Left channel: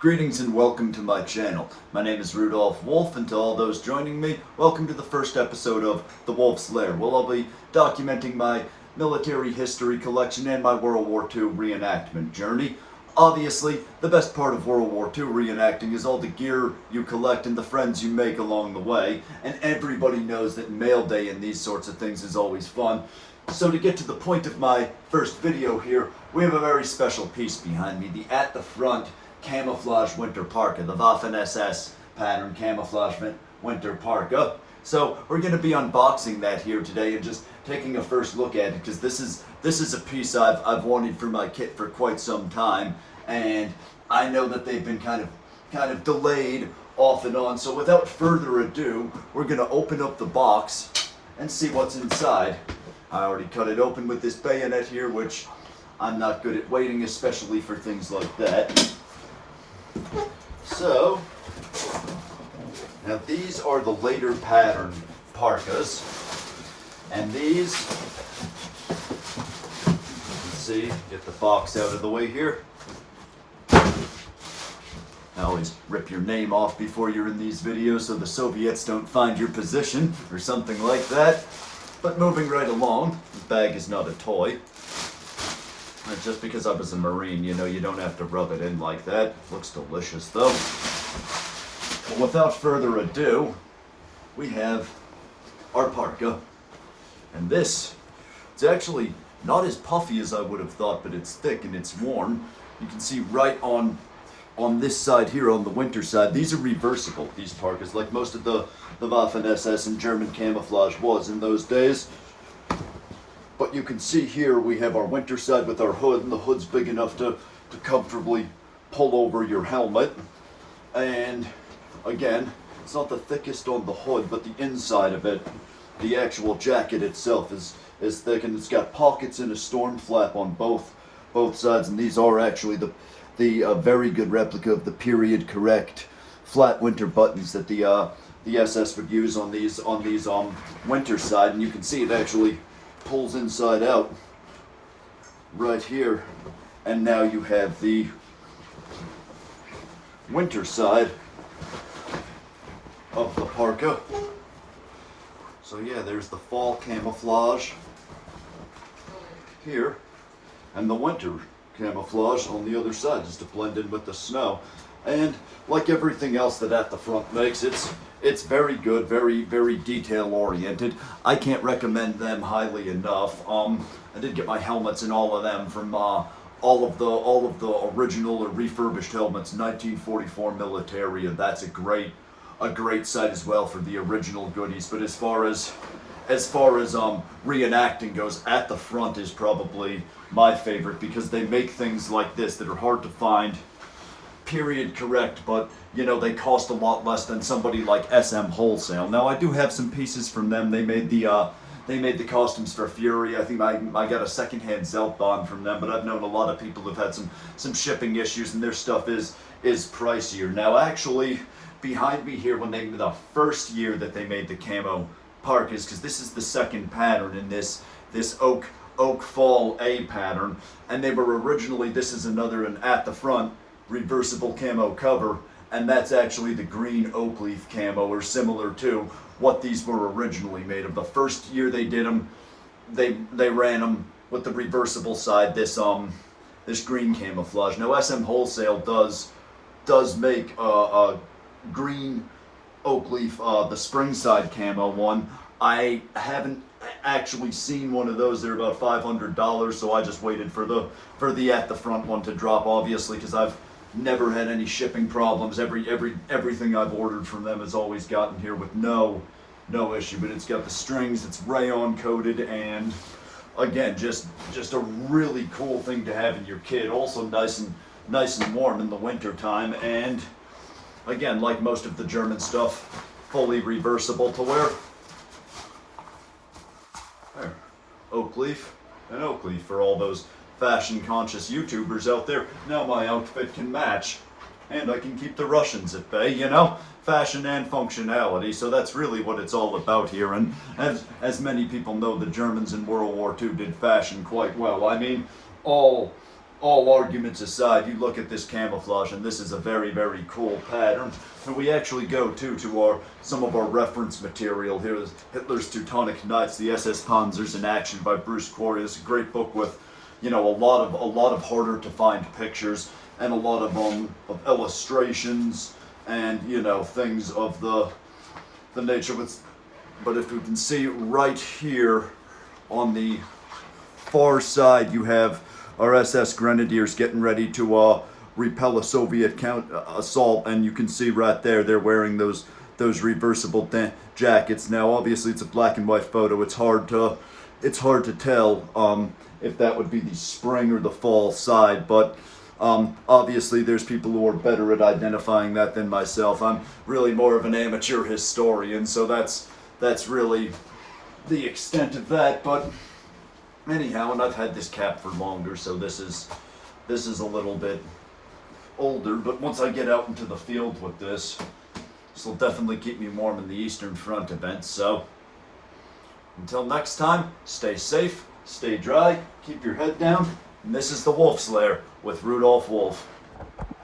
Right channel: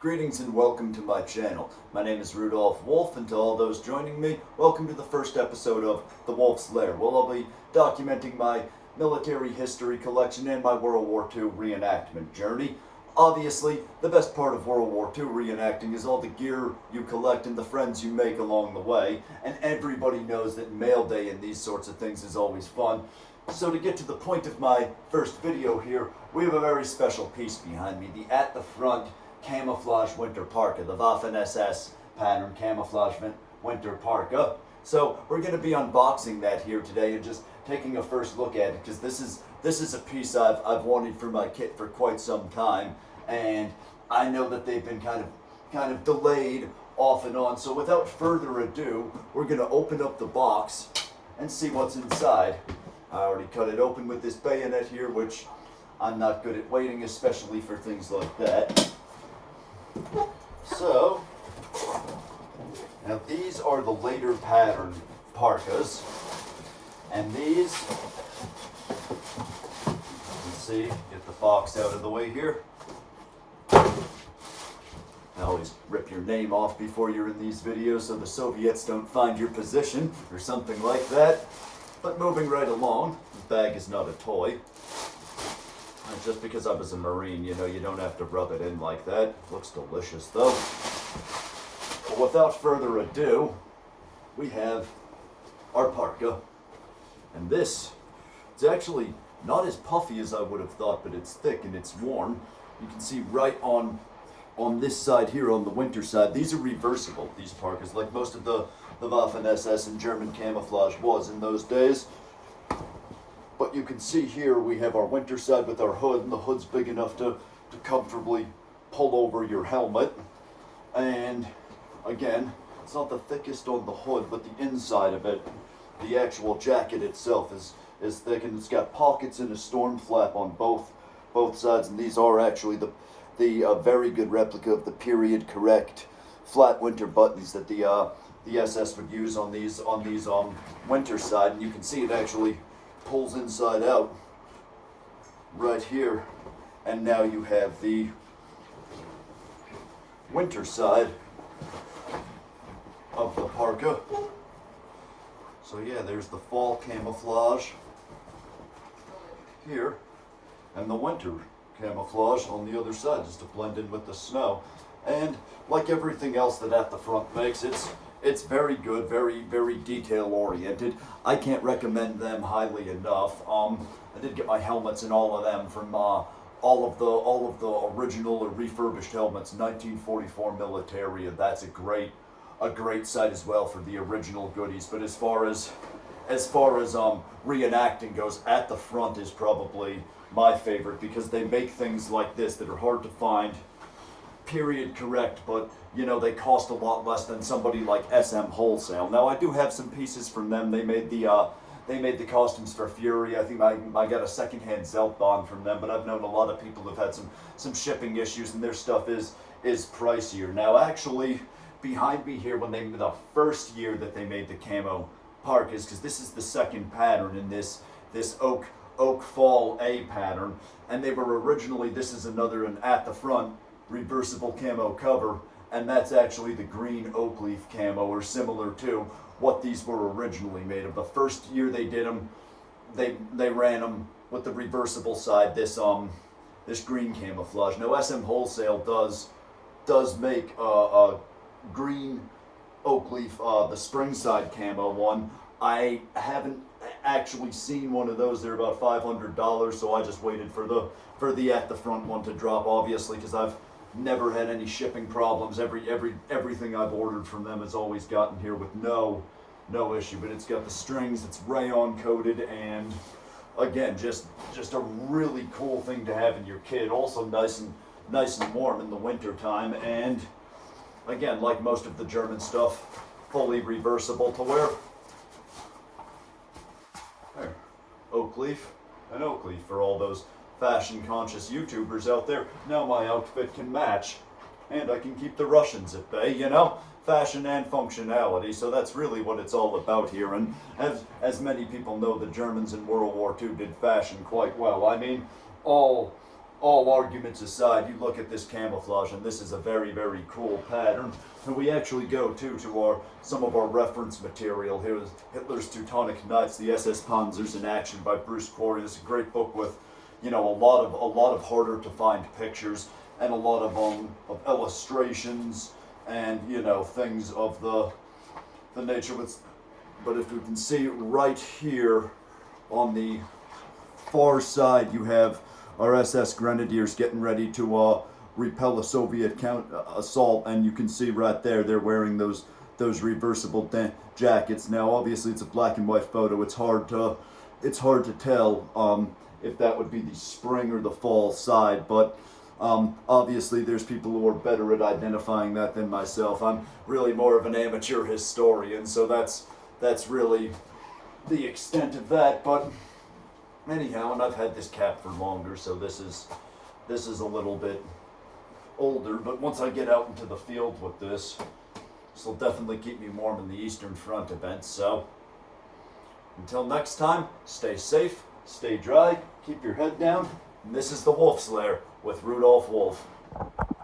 Greetings and welcome to my channel. My name is Rudolph Wolf, and to all those joining me, welcome to the first episode of The Wolf's Lair, where I'll be documenting my military history collection and my World War II reenactment journey. Obviously, the best part of World War II reenacting is all the gear you collect and the friends you make along the way, and everybody knows that mail day and these sorts of things is always fun. So to get to the point of my first video here, we have a very special piece behind me, the At The Front camouflage winter parka, the Waffen-SS pattern camouflage winter parka. So we're going to be unboxing that here today and just taking a first look at it, because this is a piece I've wanted for my kit for quite some time, and I know that they've been kind of delayed off and on. So without further ado, we're going to open up the box and see what's inside. I already cut it open with this bayonet here, which I'm not good at waiting, especially for things like that. So, now these are the later pattern parkas, and these, let's see, get the box out of the way here. I always rip your name off before you're in these videos so the Soviets don't find your position or something like that. But moving right along, the bag is not a toy. Just because I was a Marine, you know, you don't have to rub it in like that. Looks delicious though. But without further ado, we have our parka. And this, it's actually not as puffy as I would have thought, but it's thick and it's warm. You can see right on this side here, on the winter side, these are reversible, these parkas, like most of the Waffen-SS and German camouflage was in those days. But you can see here we have our winter side with our hood, and the hood's big enough to comfortably pull over your helmet. And again, it's not the thickest on the hood, but the inside of it, the actual jacket itself is thick, and it's got pockets and a storm flap on both sides. And these are actually the very good replica of the period correct flat winter buttons that the SS would use on these winter side. And you can see it actually pulls inside out right here, and now you have the winter side of the parka. So yeah, there's the fall camouflage here, and the winter camouflage on the other side, just to blend in with the snow. And like everything else that At The Front makes, it's very good, very detail oriented. I can't recommend them highly enough. I did get my helmets and all of them from all of the original or refurbished helmets, 1944 military, and that's a great site as well for the original goodies. But as far as reenacting goes, At The Front is probably my favorite, because they make things like this that are hard to find, period correct, but you know, they cost a lot less than somebody like SM Wholesale. Now I do have some pieces from them. They made the costumes for Fury. I think I got a secondhand Zeltbahn from them, but I've known a lot of people who've had some shipping issues, and their stuff is pricier. Now actually, behind me here, when the first year that they made the camo parkas, because this is the second pattern in this oak fall A pattern, and they were originally, this is another an At The Front reversible camo cover, and that's actually the green oak leaf camo, or similar to what these were originally made of. The first year they did them, they ran them with the reversible side, this green camouflage. Now SM Wholesale does make a green oak leaf, the spring side camo one. I haven't actually seen one of those. They're about $500, so I just waited for the At The Front one to drop, obviously, because I've never had any shipping problems. Everything I've ordered from them has always gotten here with no issue. But it's got the strings, it's rayon coated, and again, just a really cool thing to have in your kit. Also nice and warm in the winter time, and again, like most of the German stuff, fully reversible to wear. There. Oak leaf and oak leaf for all those fashion conscious YouTubers out there. Now my outfit can match, and I can keep the Russians at bay, you know, fashion and functionality. So that's really what it's all about here. And as many people know, the Germans in World War II did fashion quite well. I mean, all all arguments aside, you look at this camouflage, and this is a very, very cool pattern. And we actually go to our some of our reference material. Here is Hitler's Teutonic Knights, the SS Panzers in Action by Bruce Quarry. It's a great book with, you know, a lot of harder to find pictures and a lot of illustrations and, you know, things of the nature. But if you can see right here on the far side, you have our SS Grenadiers getting ready to repel a Soviet assault, and you can see right there they're wearing those reversible jackets. Now, obviously, it's a black and white photo. It's hard to tell if that would be the spring or the fall side, but obviously there's people who are better at identifying that than myself. I'm really more of an amateur historian, so that's really the extent of that. But anyhow, and I've had this cap for longer, so this is a little bit older, but once I get out into the field with this will definitely keep me warm in the Eastern Front events. So until next time, stay safe, stay dry, keep your head down, and this is the Wolf's Lair with Rudolph Wolf.